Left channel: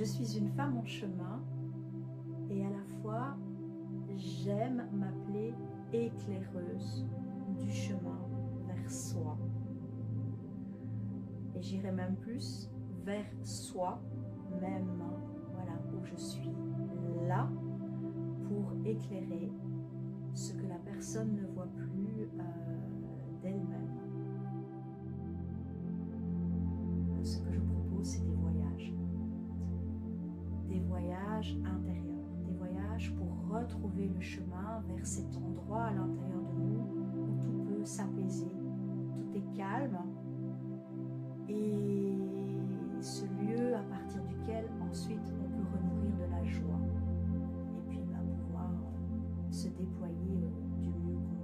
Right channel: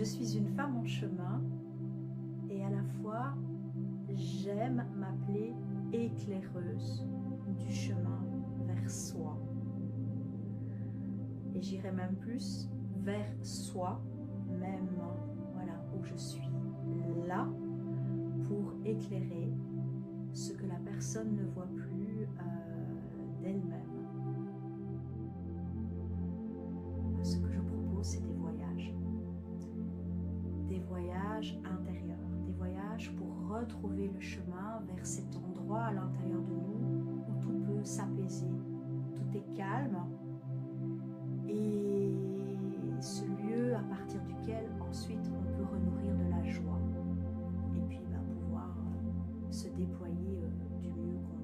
Je suis une femme en chemin et à la fois, j'aime m'appeler éclaireuse du chemin vers soi. Et j'irai même plus vers soi, même, voilà, où je suis là pour éclairer ce que la personne ne voit plus d'elle-même. Ce que je propose, c'est des voyages intérieurs, des voyages pour retrouver le chemin vers cet endroit à l'intérieur de nous où tout peut s'apaiser, tout est calme, et ce lieu à partir duquel ensuite on peut renourrir de la joie et puis pouvoir se déployer du mieux qu'on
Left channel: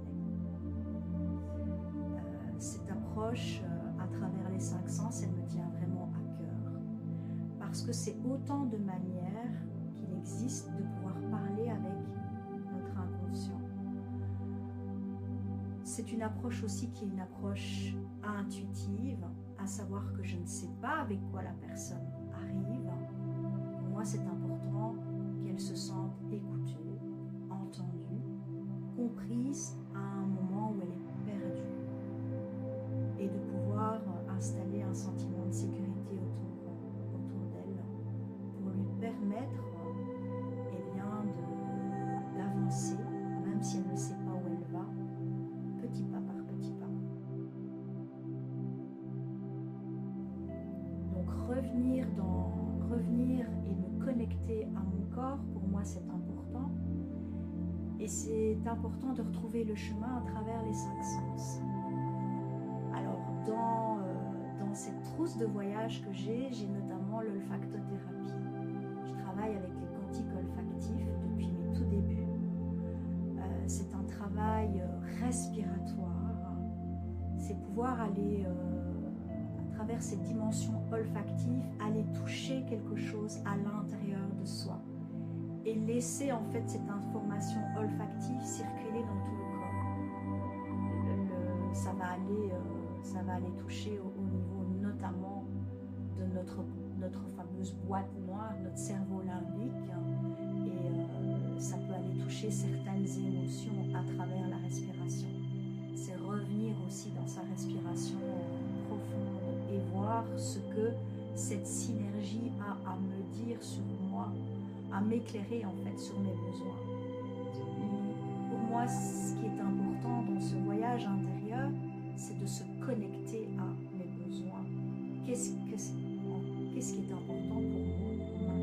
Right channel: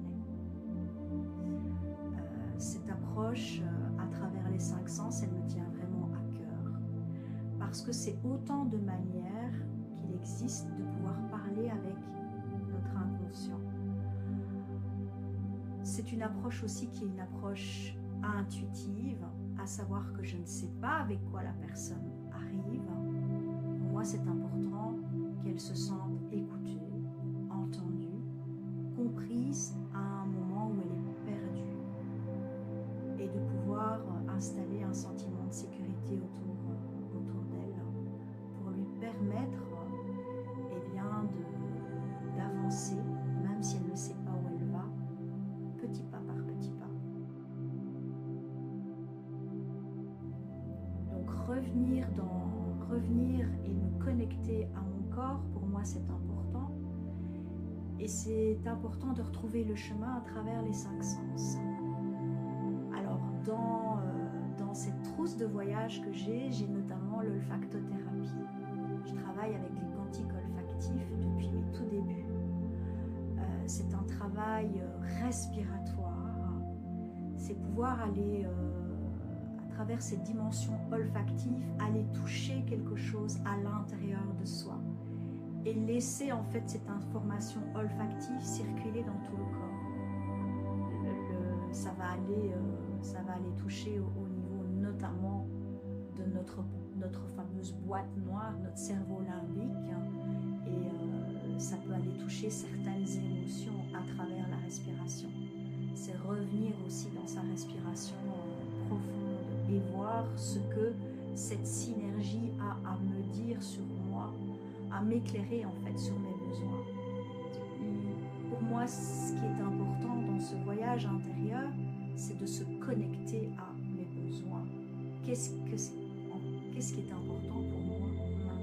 est. Cette approche à travers les 5 sens, elle me tient vraiment à cœur parce que c'est autant de manières qu'il existe de pouvoir parler avec notre inconscient. C'est une approche aussi qui est une approche intuitive, à savoir que je ne sais pas avec quoi la personne arrive. Pour moi, c'est important qu'elle se sente écoutée, entendue, comprise à un moment où elle est perdue, et de pouvoir installer un sentiment de sécurité autour d'elle pour lui permettre d'avancer, même si elle ne sait pas où elle va, petit pas par petit pas. Donc revenir et me connecter à mon corps, pour moi c'est important. Et c'est important de retrouver le chemin à travers les 5 sens. Alors dans cette trousse de voyage que j'ai notamment l'olfactothérapie. Je travaille avec les quantiques olfactifs depuis mes tout débuts. C'est un travail respiratoire. C'est pouvoir aller à travers cette dimension olfactive, aller toucher quelque chose à l'intérieur de soi et laisser en fait cette information olfactive circuler dans tout le corps. Ça va aller toucher au niveau notamment de notre fameuse boîte noire, notre cerveau limbique, et ça peut aller toucher certaines émotions à travers la respiration. C'est revenir aussi dans sa respiration profonde et voir ce que cette synergie a à me dire sur moi, à m'éclairer en fait sur mes besoins. Pour moi, ce qui est important dans ce voyage intérieur, c'est de se connecter à mes besoins. Qu'est-ce qui est important pour moi maintenant?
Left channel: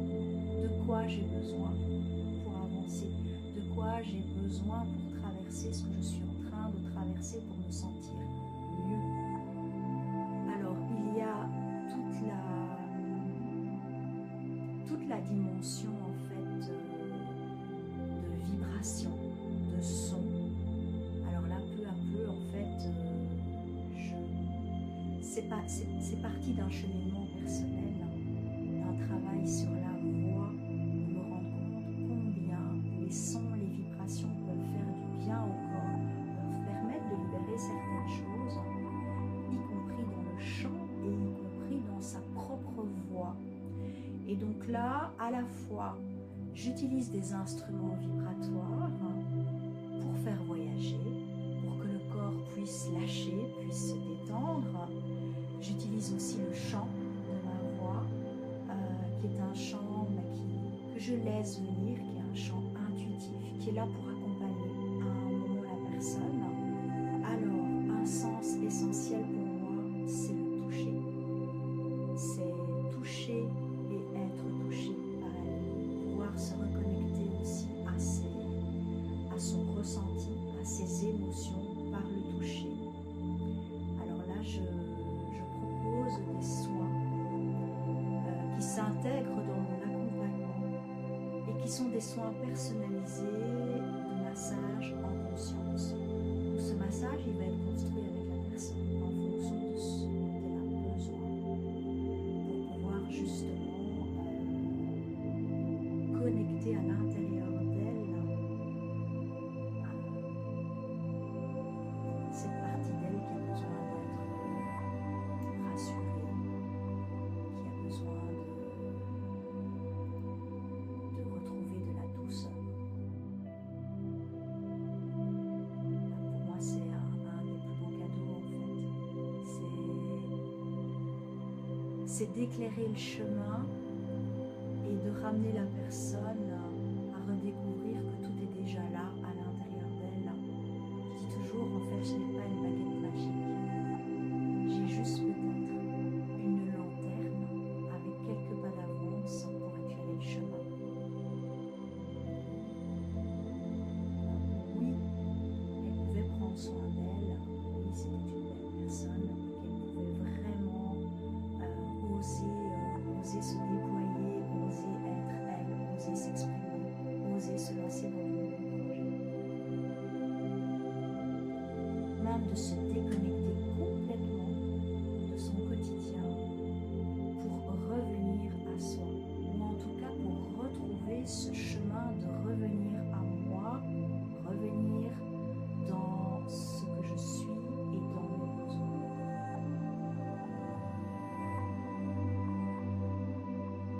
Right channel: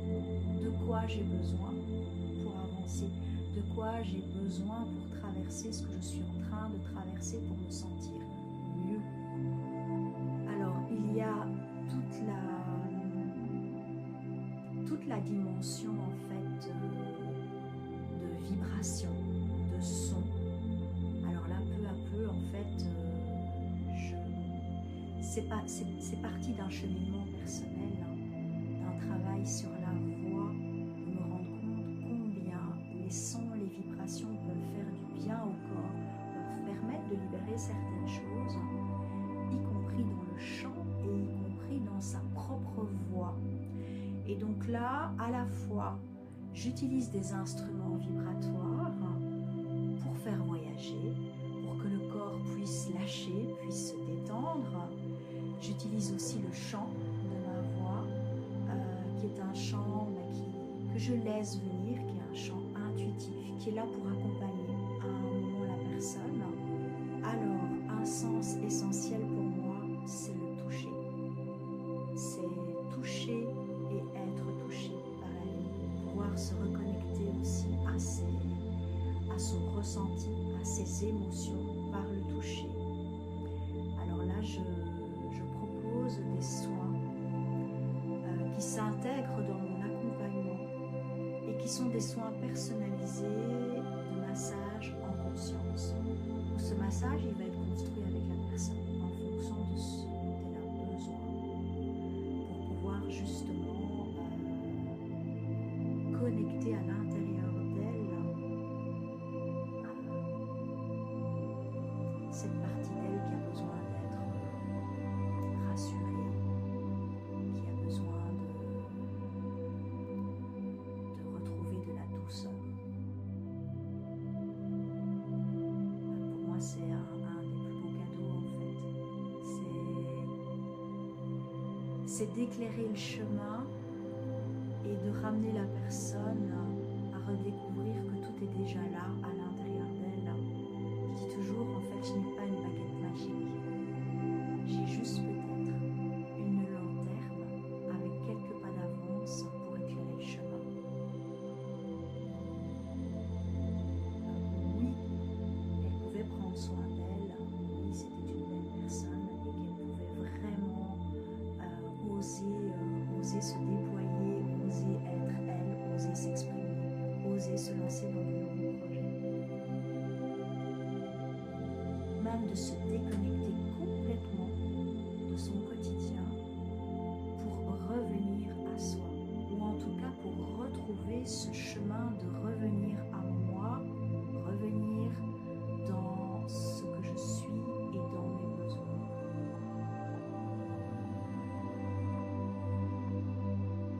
De quoi j'ai besoin pour avancer? De quoi j'ai besoin pour traverser ce que je suis en train de traverser pour me sentir mieux? Alors, il y a toute la dimension en fait de vibration, de son. Alors là, peu à peu, en fait, c'est parti d'un cheminement personnel, d'un travail sur la voix, de me rendre compte combien les sons, les vibrations peuvent faire du bien au corps, peuvent permettre de libérer certaines choses, y compris dans le chant et y compris dans sa propre voix. Et donc là, à la fois, j'utilise des instruments vibratoires pour faire voyager, pour que le corps puisse lâcher, puisse se détendre. J'utilise aussi le chant de ma voix, qui est un chant que je laisse venir, qui est un chant intuitif, qui est là pour accompagner à un moment la personne. Alors, un sens essentiel pour moi, c'est le toucher. C'est toucher et être touché par la vie, pouvoir se reconnecter aussi à son ressenti, à ses émotions par le toucher. Alors là, je propose des soins qui s'intègrent dans mon accompagnement et qui sont des soins personnalisés de massage en conscience. Où ce massage, il va être construit avec la personne en fonction de ce dont elle a besoin pour pouvoir justement connecter à l'intérieur d'elle cette partie d'elle qui a besoin d'être rassurée, qui a besoin c'est d'éclairer le chemin et de ramener la personne à redécouvrir que tout est déjà là, à l'intérieur d'elle. Je dis toujours, en fait, je n'ai pas une baguette magique. J'ai juste peut-être une lanterne avec quelques pas d'avance pour éclairer le chemin. Oui, elle pouvait prendre soin d'elle. Oui, c'était une belle personne et qu'elle pouvait vraiment oser se déployer, oser être elle, oser s'exprimer, oser se lancer dans de nouveaux projets. Même de se déconnecter complètement de son quotidien pour revenir à soi, ou en tout cas pour retrouver ce chemin de revenir à moi.